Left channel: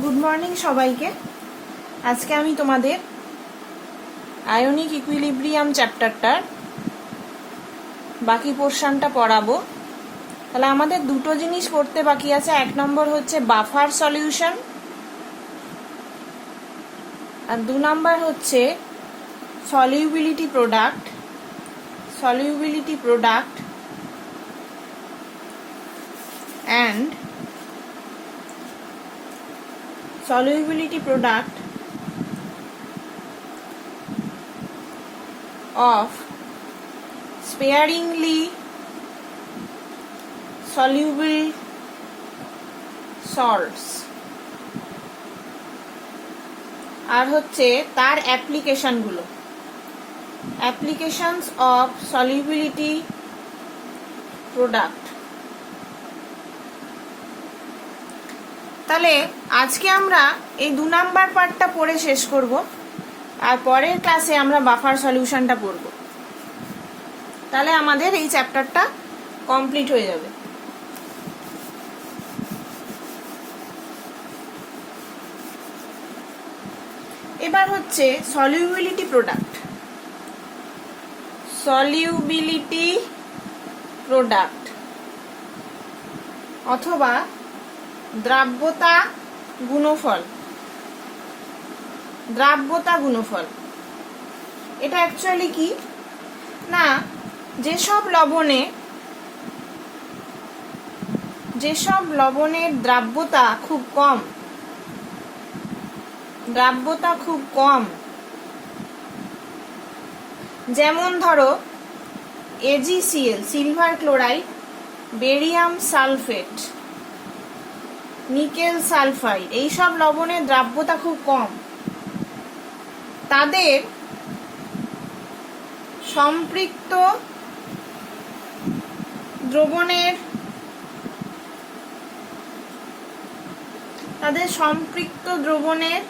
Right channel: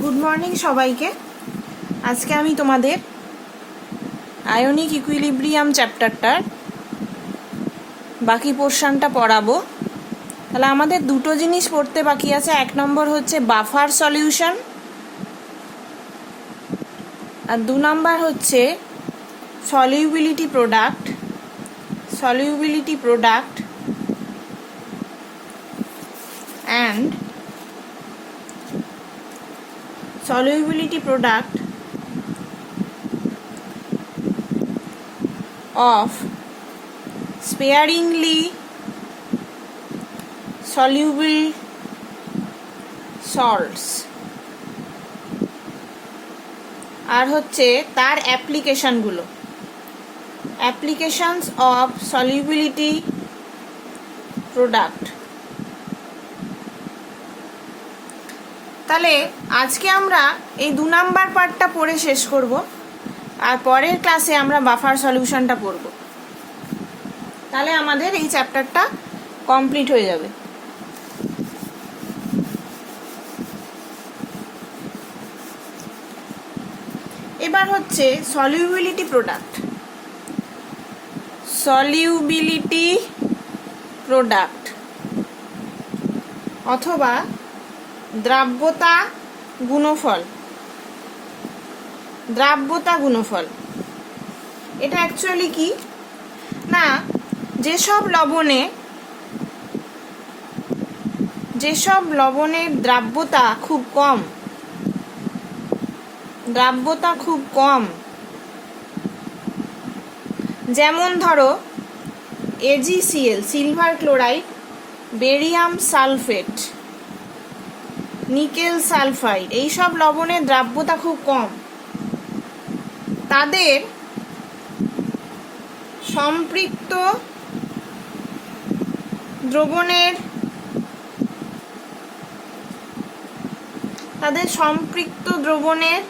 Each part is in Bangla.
গুড মর্নিং সবাইকে। আজকে আমি তোমাদের আয়নিক ইকুইলিব্রিয়াম চ্যাপ্টারটার বাকি পোর্শনটা পড়াবো। তাহলে আমাদের দুটো জিনিস পড়তে বাকি আছে। এক নম্বর হচ্ছে বাফার সলিউশন, আর দু নম্বর হচ্ছে solubility product and solubility product of sparingly soluble salts আর হচ্ছে তার অ্যাপ্লিকেশনস অফ solubility product। তাহলে আজকে আমরা এই 2 নাম্বার পার্টটা পড়ে শেষ করব, আর পরের ক্লাসে আমরা বাফার সলিউশনটা পড়ব। তাহলে আমাদের এই চ্যাপ্টারটা কমপ্লিট হয়ে যাবে। এবার হচ্ছে সলিউবিলিটি প্রোডাক্ট অথবা দ্রাব্যতা গুণফল। এটা অ্যাকচুয়ালি কি না, যেসব লবণের দ্রাব্যতা খুব কম, যেমন ধরো AgCl silver chloride, barium sulphate, nickel sulphide, এইসব লবণের দ্রাব্যতা খুব কম। তাদের সম্পৃক্ত দ্রবণের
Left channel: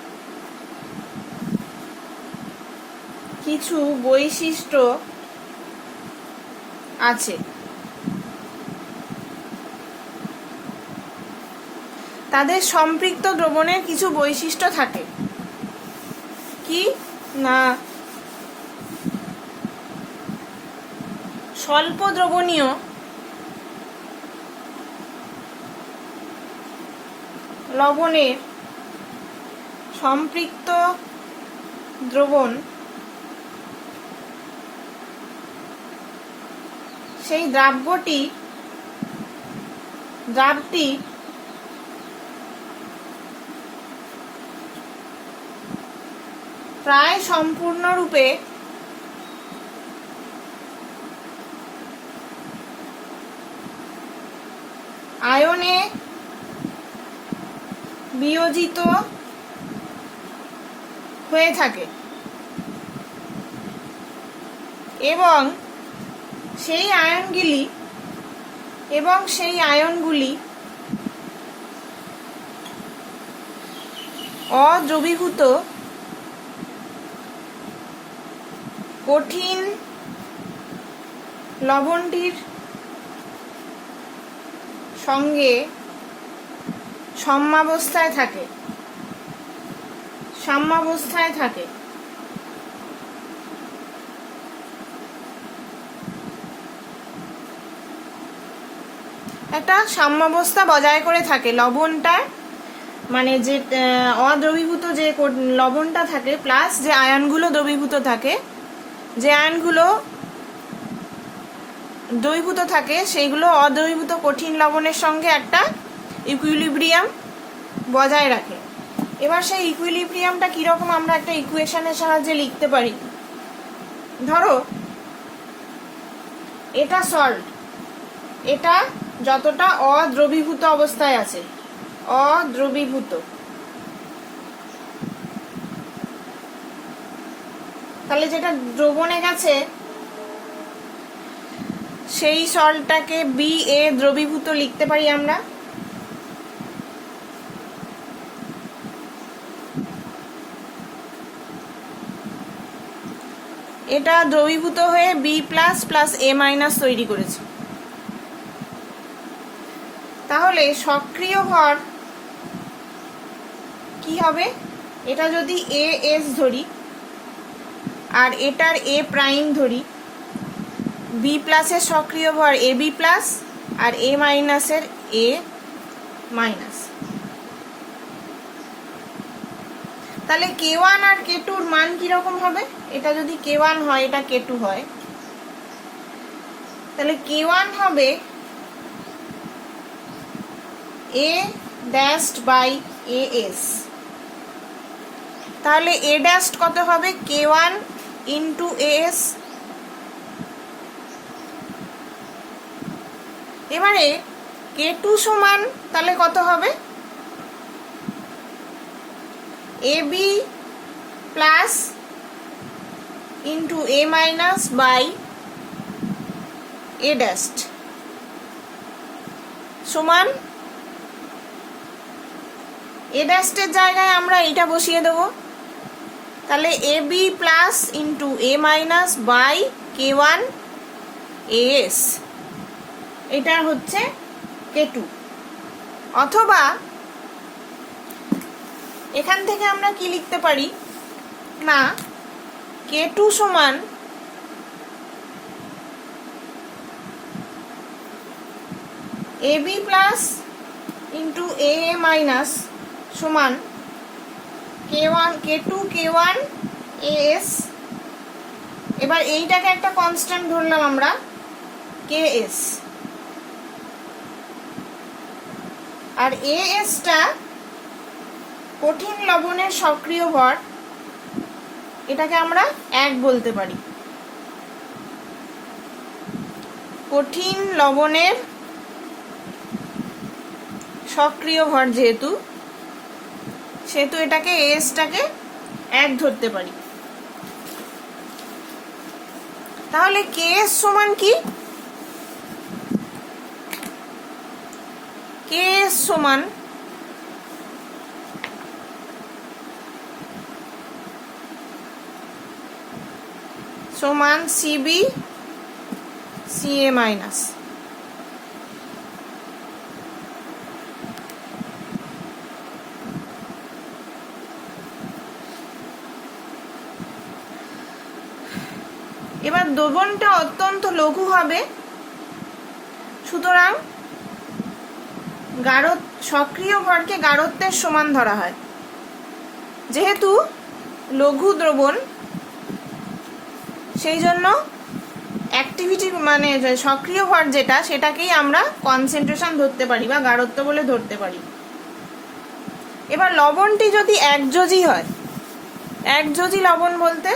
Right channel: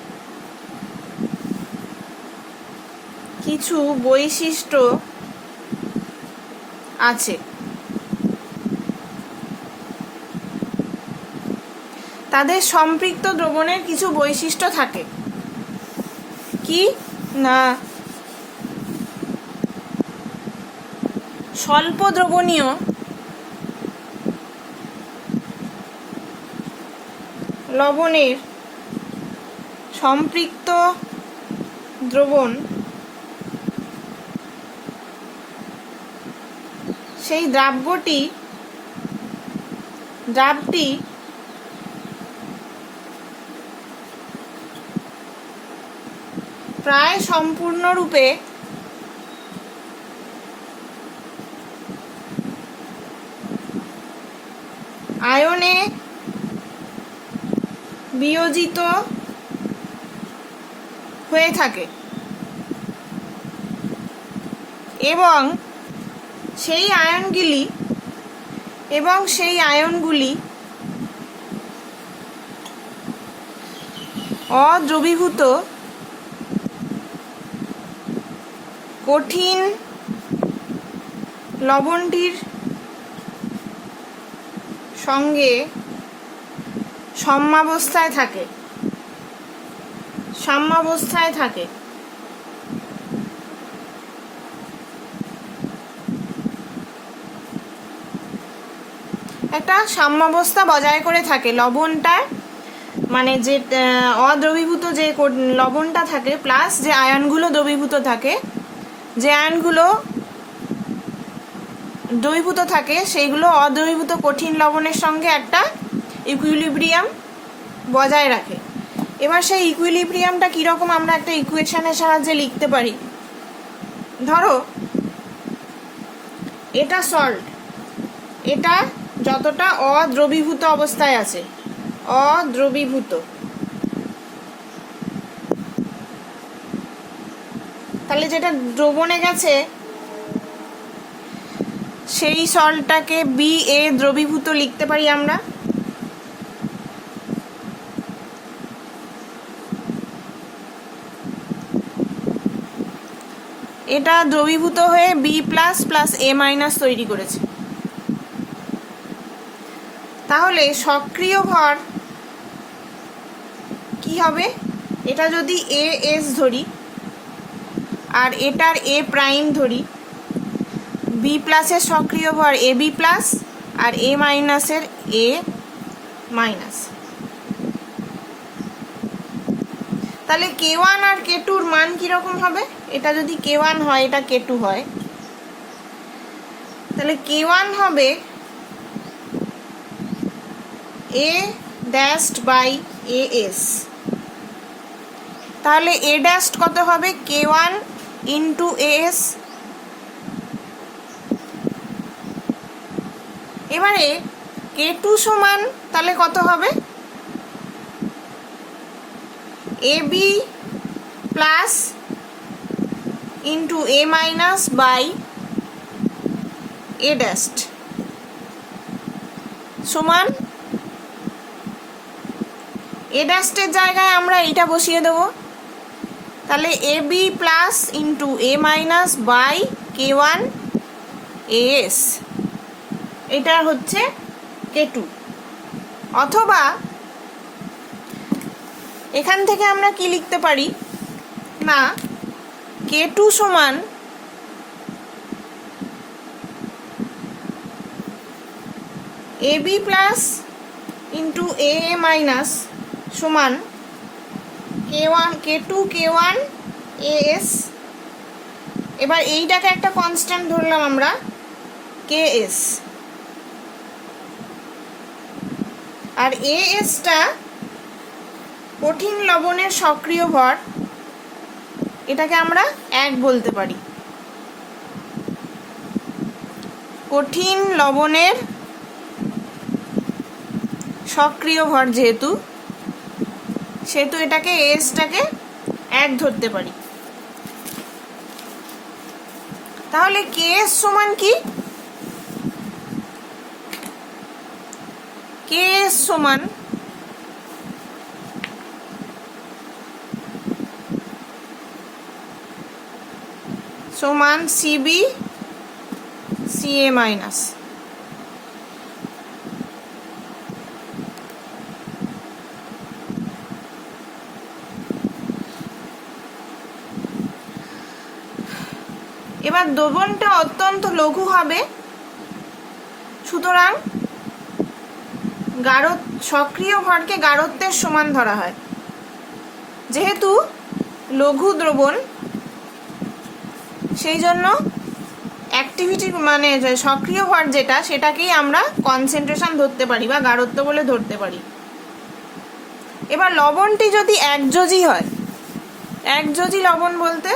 কিছু বৈশিষ্ট্য আছে। তাদের সম্পৃক্ত দ্রবণের কিছু বৈশিষ্ট্য থাকে কি না, স্বল্প দ্রবণীয় লবণের সম্পৃক্ত সেই দ্রাবটি প্রায় সম্পূর্ণরূপে আয়নে বিয়োজিত হয়ে থাকে এবং সেই আয়নগুলি অদ্রবীভূত কঠিন লবণটির সঙ্গে সাম্যাবস্থায় থাকে। একটা সাম্যাবস্থা বজায় করে থাকে লবণটার, মানে যে অদ্রবীভূত যে লবণটা থাকে প্লাস যে আয়নগুলো দ্রবীভূত থাকে, যে আয়নগুলো দ্রবীভূত থাকে সেইগুলো অদ্রবীভূত কঠিন লবণের সঙ্গে একটা ইকুইলিব্রিয়াম বজায় রাখে। এবার সেই ইকুইলিব্রিয়ামটা কিরকম আমরা একটা ইকুয়েশনের সাহায্যে লিখতে পারি। ধরো এটা সল্ট, এটা যতটা অদ্রবীভূত অবস্থায় আছে, তাহলে যেটা দ্রবণে গেছে সেই সল্টটাকে BA দ্রবীভূত লিখতে পারি আমরা। এটা দ্রবীভূত হয়ে B+ + A- তৈরি করেছে। তাহলে সক্রিয় ভর কি হবে, এটা যদি এ এস ধরি আর এটার এ প্রাইম ধরি, বি প্লাসের সক্রিয় ভর এ বি প্লাস আর এ মাইনাসের এ মাইনাস, তাহলে K1 আর K2 এর মান কিরকম হবে? এটা যদি K1 হয়, এটা K2 হয়, তাহলে K1 হবে A dashed by AS, তাহলে A dashed কত হবে? K1 into AS। এবারে K2 সমান তাহলে কত হবে? AB plus into A minus by A dashed সমান A dashed এর জায়গায় আমরা এটা বসিয়ে দেব, তাহলে AB plus into A minus by K1 AS, এটা হচ্ছে K2। অথবা এখান থেকে আমরা কি লিখতে পারি না, K2 সমান AB plus into A minus সমান K2 K1 AS। এবার এইটাকে একটা কনস্ট্যান্ট ধরলাম আমরা KS, আর AS টা কঠিন লবণের সক্রিয় ভর, এটাকে আমরা 1 বলতে পারি। কঠিন লবণের সক্রিয় ভর যেহেতু, সেহেতু এটাকে AS টাকে 1 ধরতে পারি। তাহলে KS সমান কি? KS সমান CB CA মাইনাস। এবার দ্রবণটা অত্যন্ত লঘু হবে, সুতরাং সক্রিয় ভরকে গাঢ়ত্বের সমান ধরা হয়। যেহেতু লঘু দ্রবণ, সেই জন্য অ্যাক্টিভিটি মানে সক্রিয় ভর যেটা, সেটাকেই আমরা কনসেন্ট্রেশন ধরতে পারি বা গাঢ়ত্ব বলে ধরতে পারি। এবার লবণটি যদি একযোজি হয়, একযোজি লবণ বলতে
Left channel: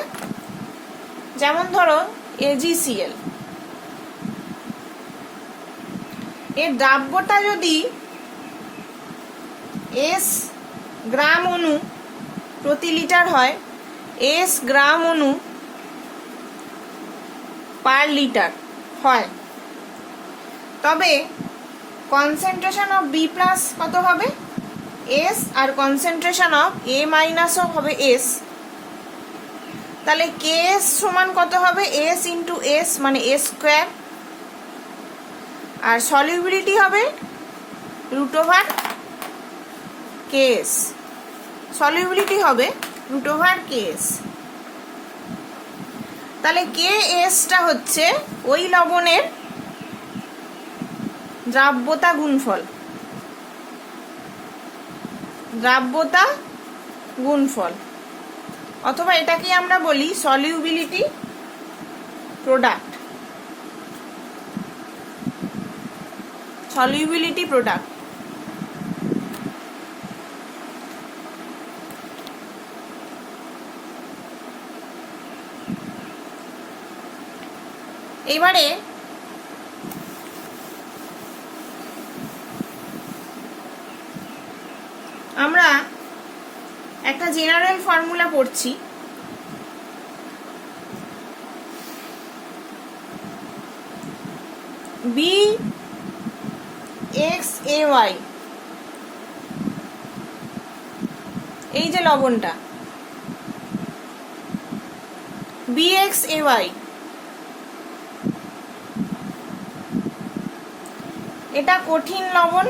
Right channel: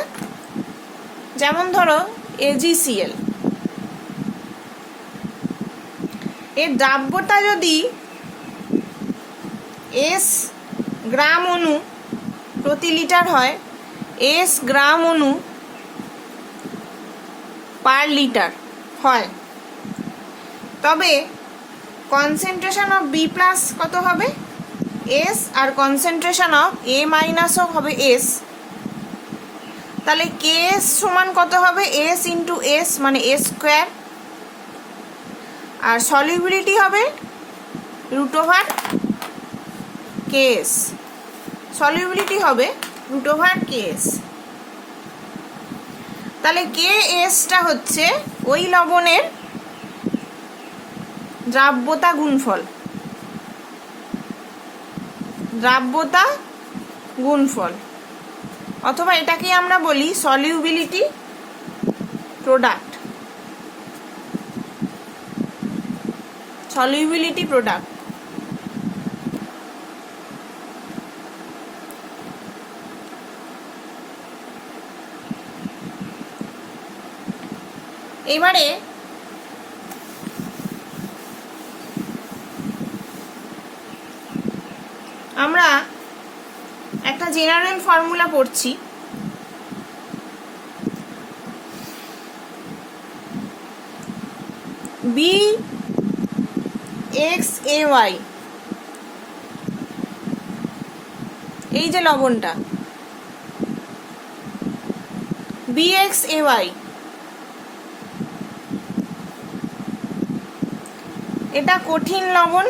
যেমন ধরো AgCl, এর দ্রাব্যতা যদি S গ্রাম অণু প্রতি লিটার হয়, S গ্রাম অণু পার লিটার হয়, তবে কনসেন্ট্রেশন অফ B প্লাস কত হবে? S, আর কনসেন্ট্রেশন অফ A মাইনাসও হবে S। তাহলে KS সমান কত হবে? S ইন্টু S মানে S স্কোয়ার, আর সলিউবিলিটি হবে √KS, সলিউবিলিটি হবে √KS। তাহলে KSটা হচ্ছে ওই লবণের দ্রাব্যতা গুণফল, দ্রাব্যতা গুণফল, অথবা এটাকে আমরা বলি সলিউবিলিটি প্রোডাক্ট, সলিউবিলিটি প্রোডাক্ট। এবারে আমরা একটা জেনারেল ফর্মুলা পড়ছি, BXAY, এই যে লবণটা BXAY, এটা কঠিন লবণ,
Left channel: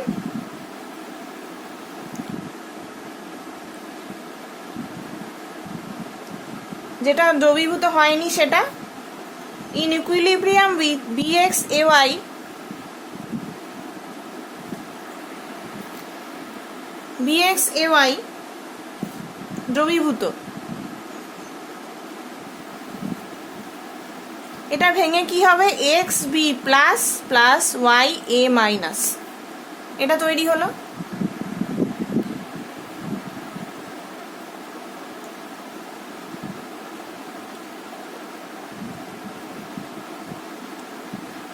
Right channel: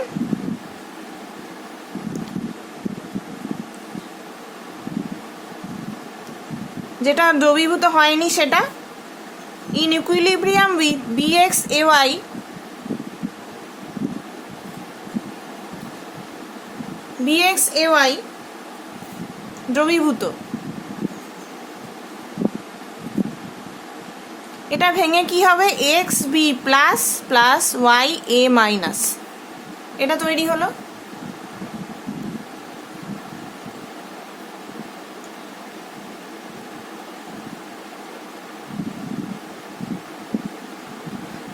যেটা দ্রবীভূত হয়নি সেটা, in equilibrium with BX AY দ্রবীভূত। এটা ভেঙে কি হবে, X B plus plus Y A minus, এটা তৈরি হলো।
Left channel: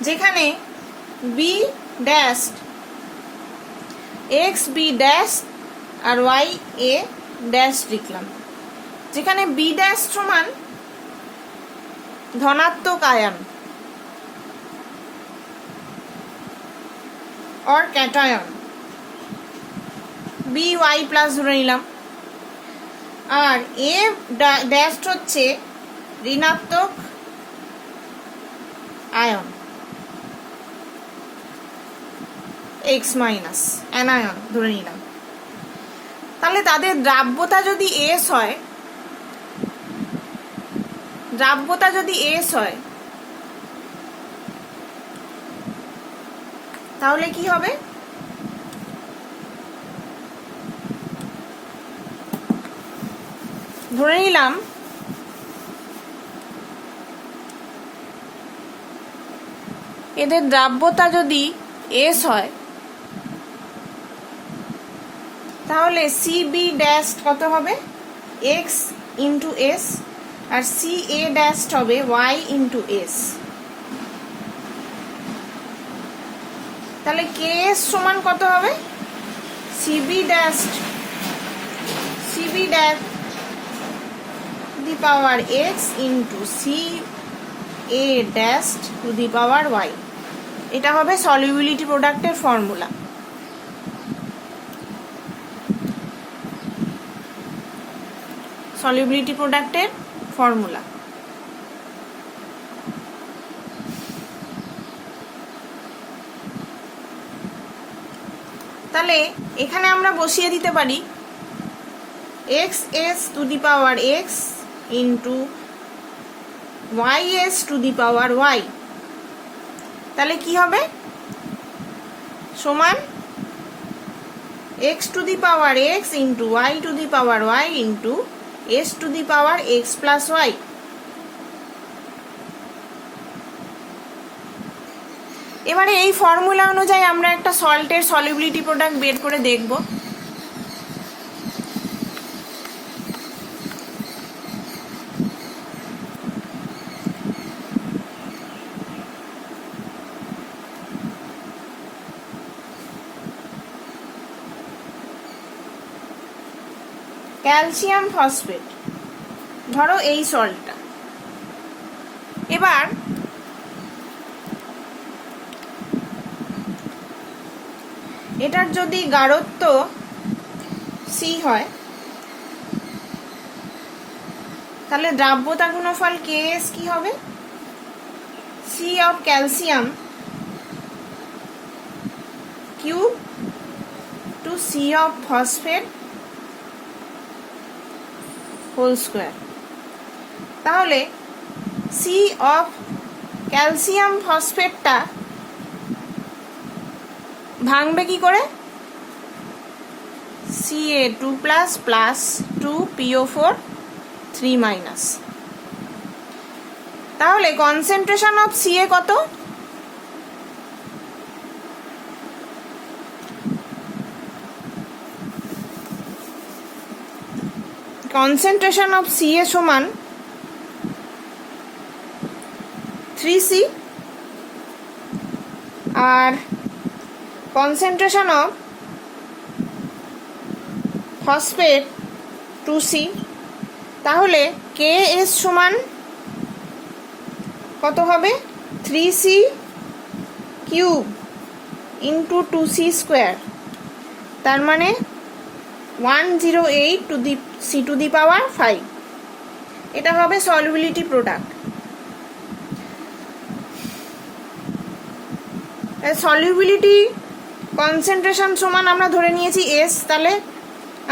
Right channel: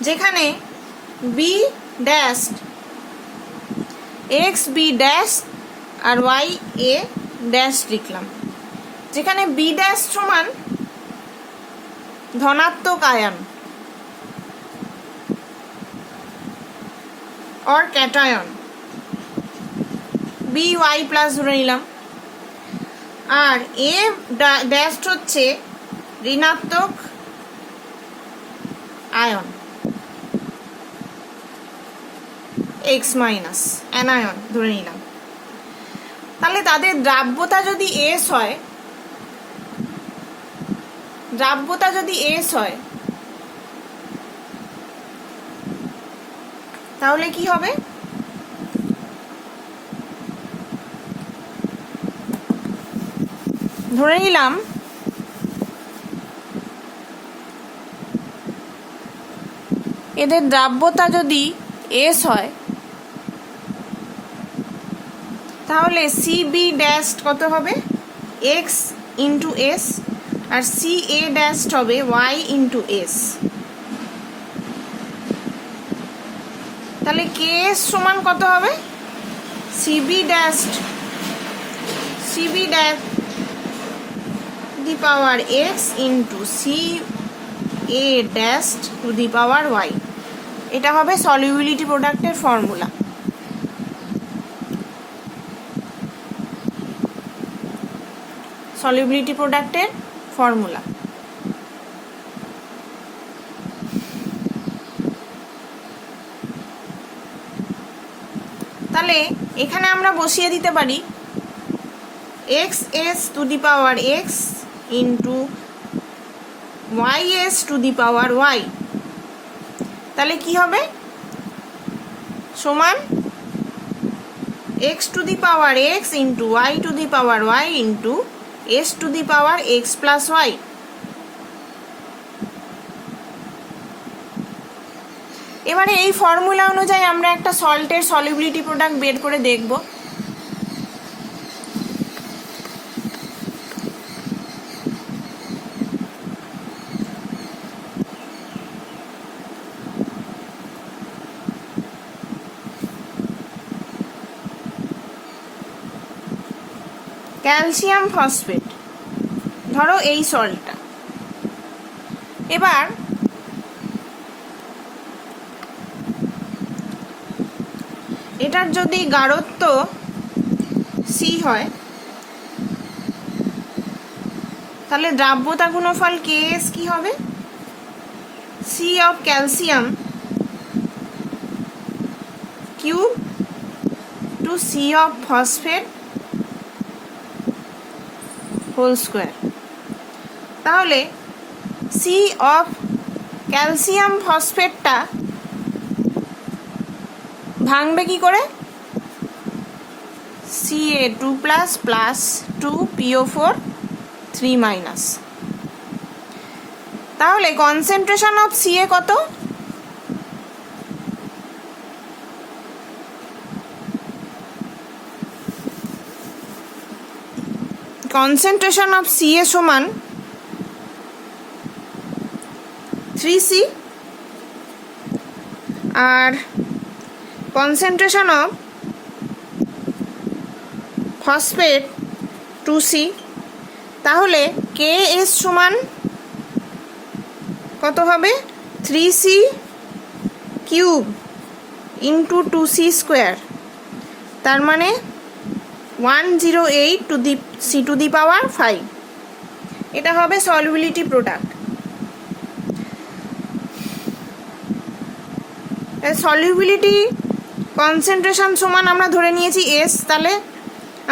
যেখানে B dash X B dash আর ওয়াই এ ড্যাশ লিখলাম, যেখানে বি ড্যাশ সমান ধনাত্মক আয়ন और ক্যাটায়ন, বি ওয়াই প্লাস ধরে নিলাম, আর এ ড্যাশ হচ্ছে ঋণাত্মক আয়ন এক্স মাইনাস অ্যানায়ন ধরে নিলাম। তাহলে তাদের দ্রাব্যতা যদি এস হয়, তাহলে কি হবে, ধরে নিলাম এদের দ্রাব্যতা যদি এস হয়, তাহলে সি বি ড্যাশ কত হবে, এক্স ইন্টু এস, আর সি এ ড্যাশ হবে ওয়াই ইন্টু এস। তাহলে কে এস সমান কত হবে, C B dash the power X into C A dash to the power Y. এটা হবে সলিউবিলিটি প্রোডাক্টের ফর্মুলা। সলিউবিলিটি প্রোডাক্টের ফর্মুলা। তাহলে এখানে আমরা বসিয়ে দিতে পারি X S to the power X into Y S to the power Y. তাহলে কি হবে, সমান X to the power X into Y to the power Y into S to the power X plus Y. এবারে এই ফর্মুলা অনুযায়ী আমরা একটা সল্টের সলিউবিলিটি প্রোডাক্ট বের করে দেখব। ক্যালসিয়াম ফসফেট, ধরো এই সল্টটা। এবার এটার যদি গাঢ়ত্ব সি হয়, তাহলে দ্রাব্যতা গুণফল কে এস কি হবে, C of calcium cube to C of phosphate whole square. তাহলে সি অফ ক্যালসিয়াম ফসফেটটা ভাঙবে কি করে, Ca2 plus plus 2PO4 3 minus. তাহলে কনসেন্ট্রেশন অফ Ca কত, কনসেন্ট্রেশন অফ Ca সমান 3C, R concentration of phosphate 2C। তাহলে Ks সমান কত হবে, 3C cube into 2C square, তার মানে 108 to the C to the power 5। এটা হবে সলিউবিলিটি প্রোডাক্ট। সলিউবিলিটি কনসেন্ট্রেশন সমান আমরা ধরে নিয়েছি এস, তাহলে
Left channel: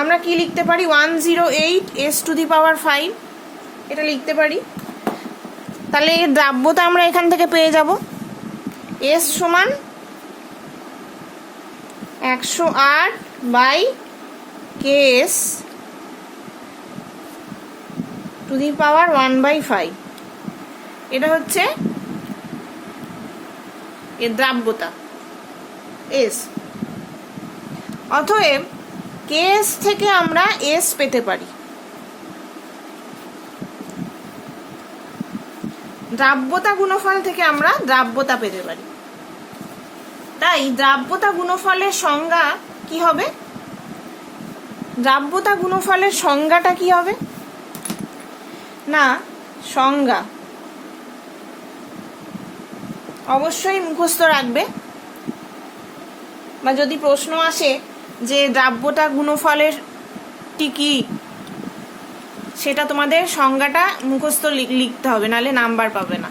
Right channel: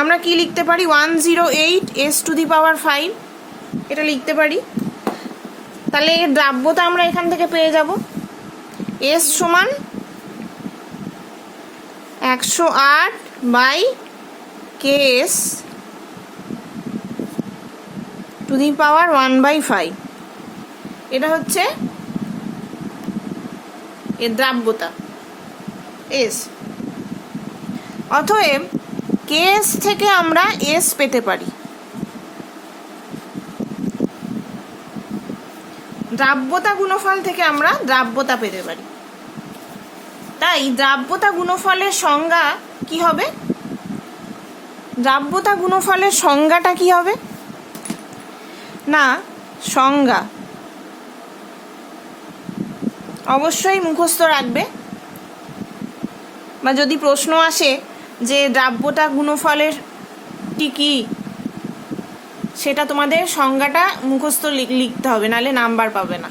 আমরা কি লিখতে পারি, 108 এস টু দি পাওয়ার 5 এটা লিখতে পারি। তাহলে এর দ্রাব্যতা আমরা এখান থেকে পেয়ে যাব, এস সমান 108/KS টু দি পাওয়ার 1/5। এটা হচ্ছে এর দ্রাব্যতা এস। অতএব কেএস থেকে আমরা এস পেতে পারি। দ্রাব্যতা গুণফল থেকে আমরা দ্রাব্যতা পেতে পারি। তাই দ্রাব্যতা গুণফলের সংজ্ঞা কি হবে? দ্রাব্যতা গুণফলের সংজ্ঞাটা কি হবে না, সংজ্ঞা অবশ্যই মুখস্থ রাখবে, বা যদি প্রশ্ন আসে যে দ্রাব্যতা গুণফলের কি, সেটা তোমাদের সংজ্ঞাটা মুখস্থ লিখতে হবে, নাহলে নাম্বার পাবে না।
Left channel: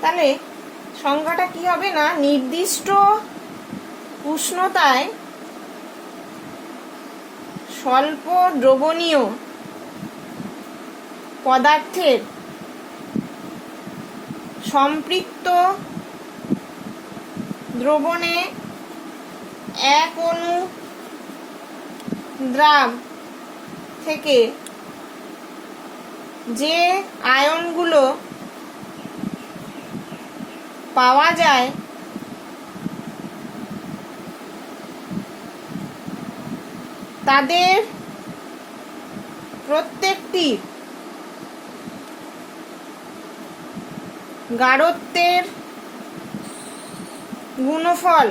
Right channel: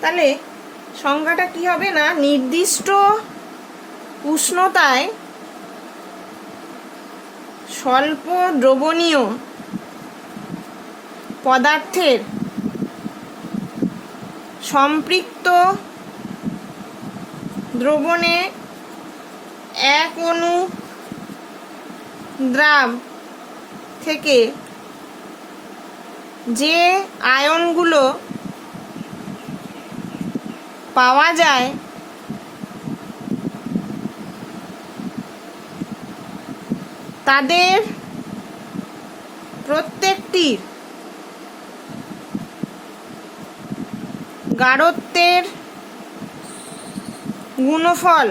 তাহলে সংজ্ঞাটা কি হবে না, নির্দিষ্ট উষ্ণতায় স্বল্প দ্রবণীয় পদার্থের সম্পৃক্ত দ্রবণে এক অণু দ্রাব থেকে যে আয়নগুলো পাওয়া যায় তাদের প্রত্যেকটির গাঢ়ত্বের গুণফল